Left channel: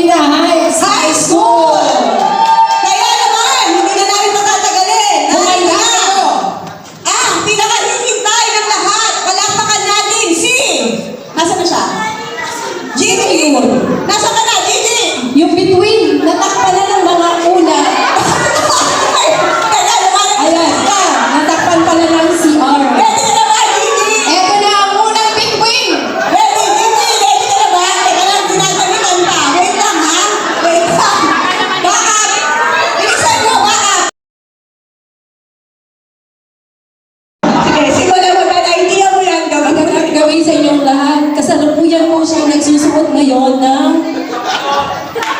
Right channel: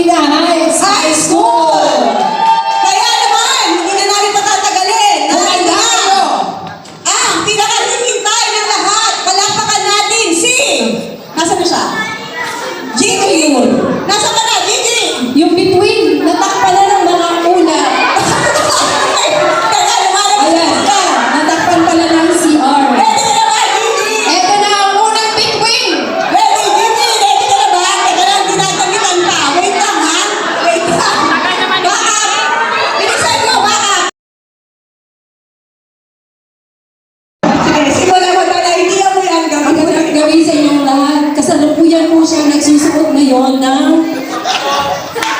Petrolina Heights High School. Kaya naman, hindi na namin patatagalin. Kumanda ako. Ang pinakahihintay ng lahat, palakpakan natin si... Nasaan na siya? Gigi! Nasaan ka na, Gigi? Yung between, natakpan na ng mga ulat. Kaya naman, Ayan, natakpan pala ng CR. ready ka na ba, Gigi? Eto na ang unang between. Ready, Gigi? Ready ka na ba? Teka lang, dinagamitan pa. Wait lang, ha? Wait lang. Back up! Bilisan mo, back up! Sige, simulan mo na. Idea mo yan. Magandang gawin sa inyong lahat. Kasalukuyan po siyang nagsusuot ngayon ng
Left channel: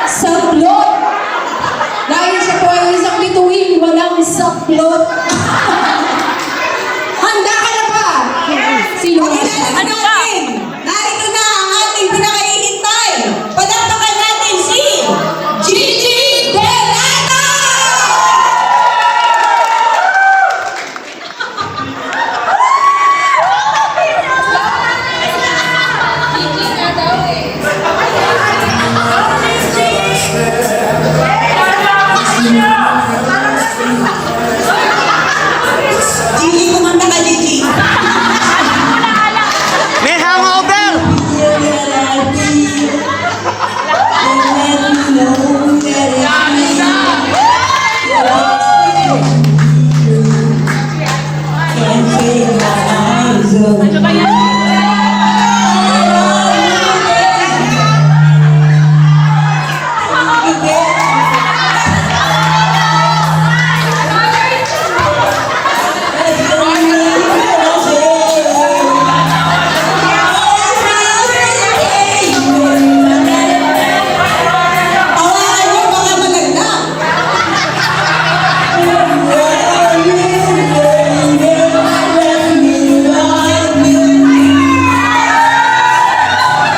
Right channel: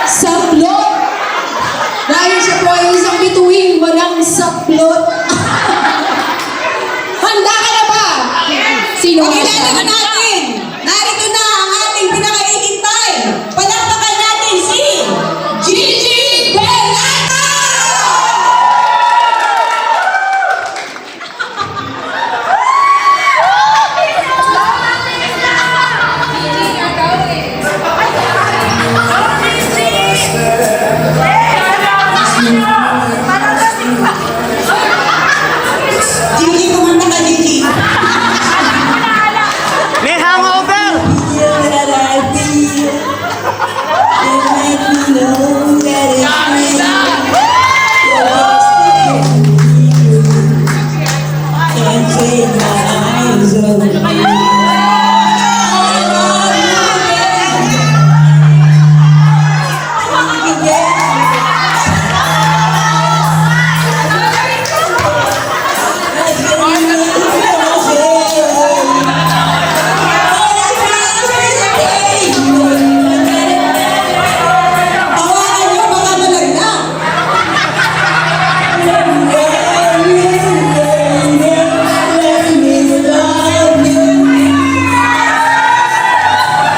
saplot. Dahil siya po ay isang bituin, walang saplot. Handa ka na ba? Sino ba siya? Pakilala natin. Narito na ang ating pinakaihintay. Palakpakan natin si Gigi Delata! Gigi, kumanta ka, Gigi. May hangover! Hawakan niyo, baka malaglag.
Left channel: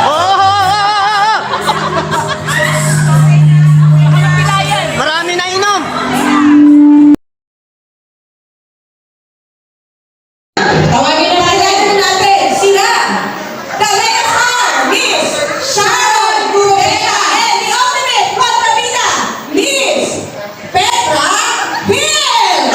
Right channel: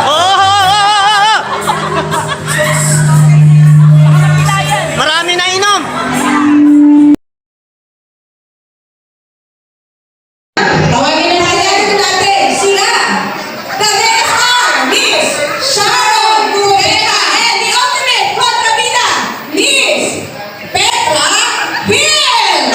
Oh! Marami na inom! Tawagin na kailangan natin sila. The Lesar, Miss Sharon Rubeta, and the ultimate kontrabida, Miss Petra Hill.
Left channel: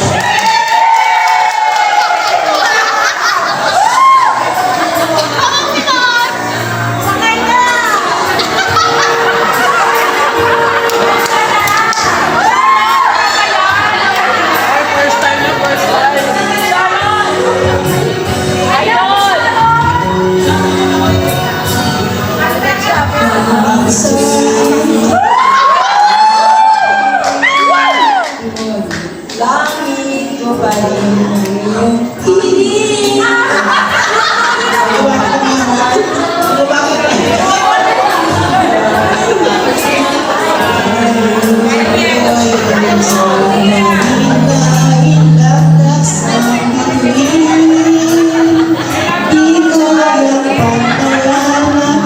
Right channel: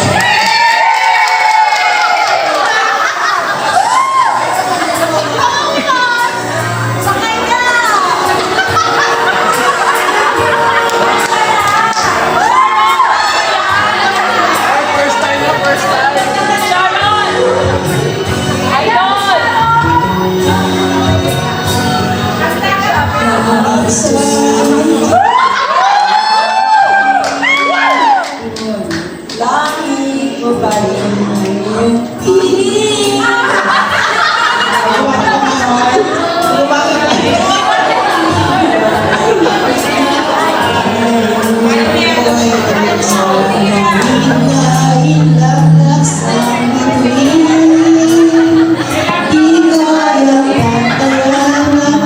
Langit mo pa rin ang iyong tinig.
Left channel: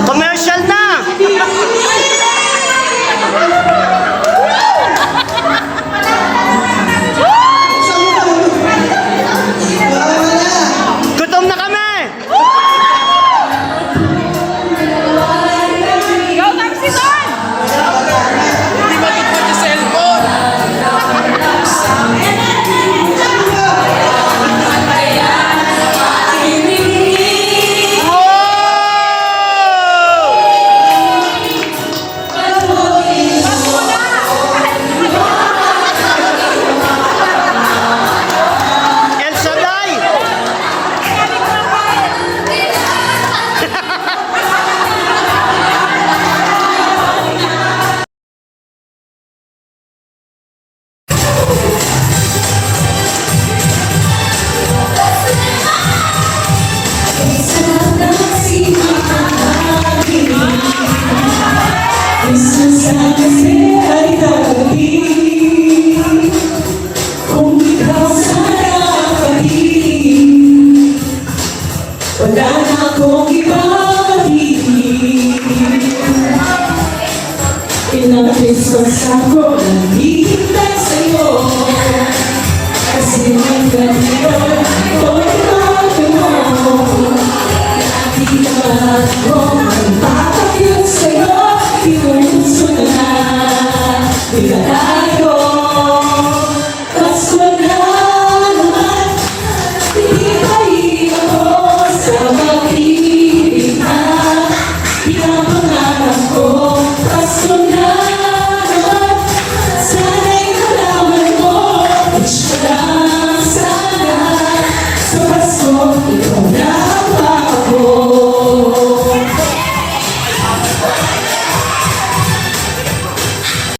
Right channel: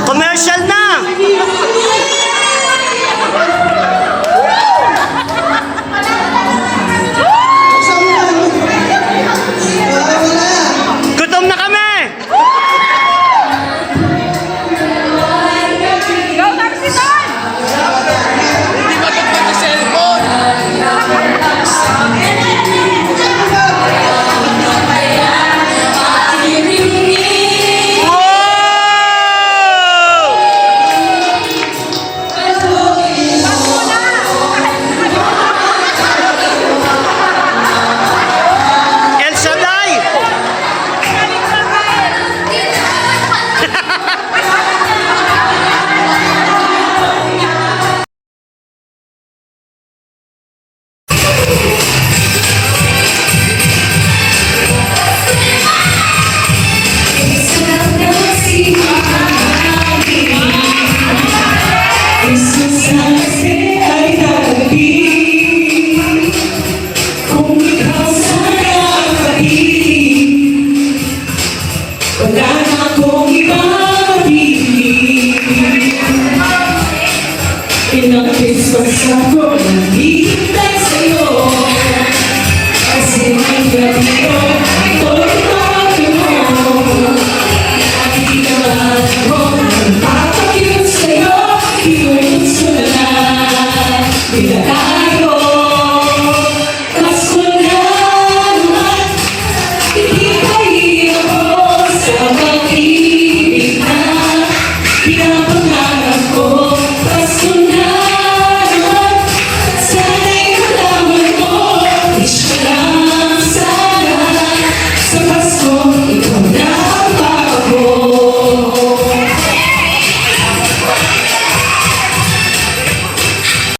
Commercial na! Gutom na kami! Wow! El Shaddai! Wala na akong ibang mabibig. Ilang beses ako naghihintay sa'yo. Kasi ang gabi yun, ito'y bago mo. Di naman ako magpapakyut sa'yo. Yung na, di na kaya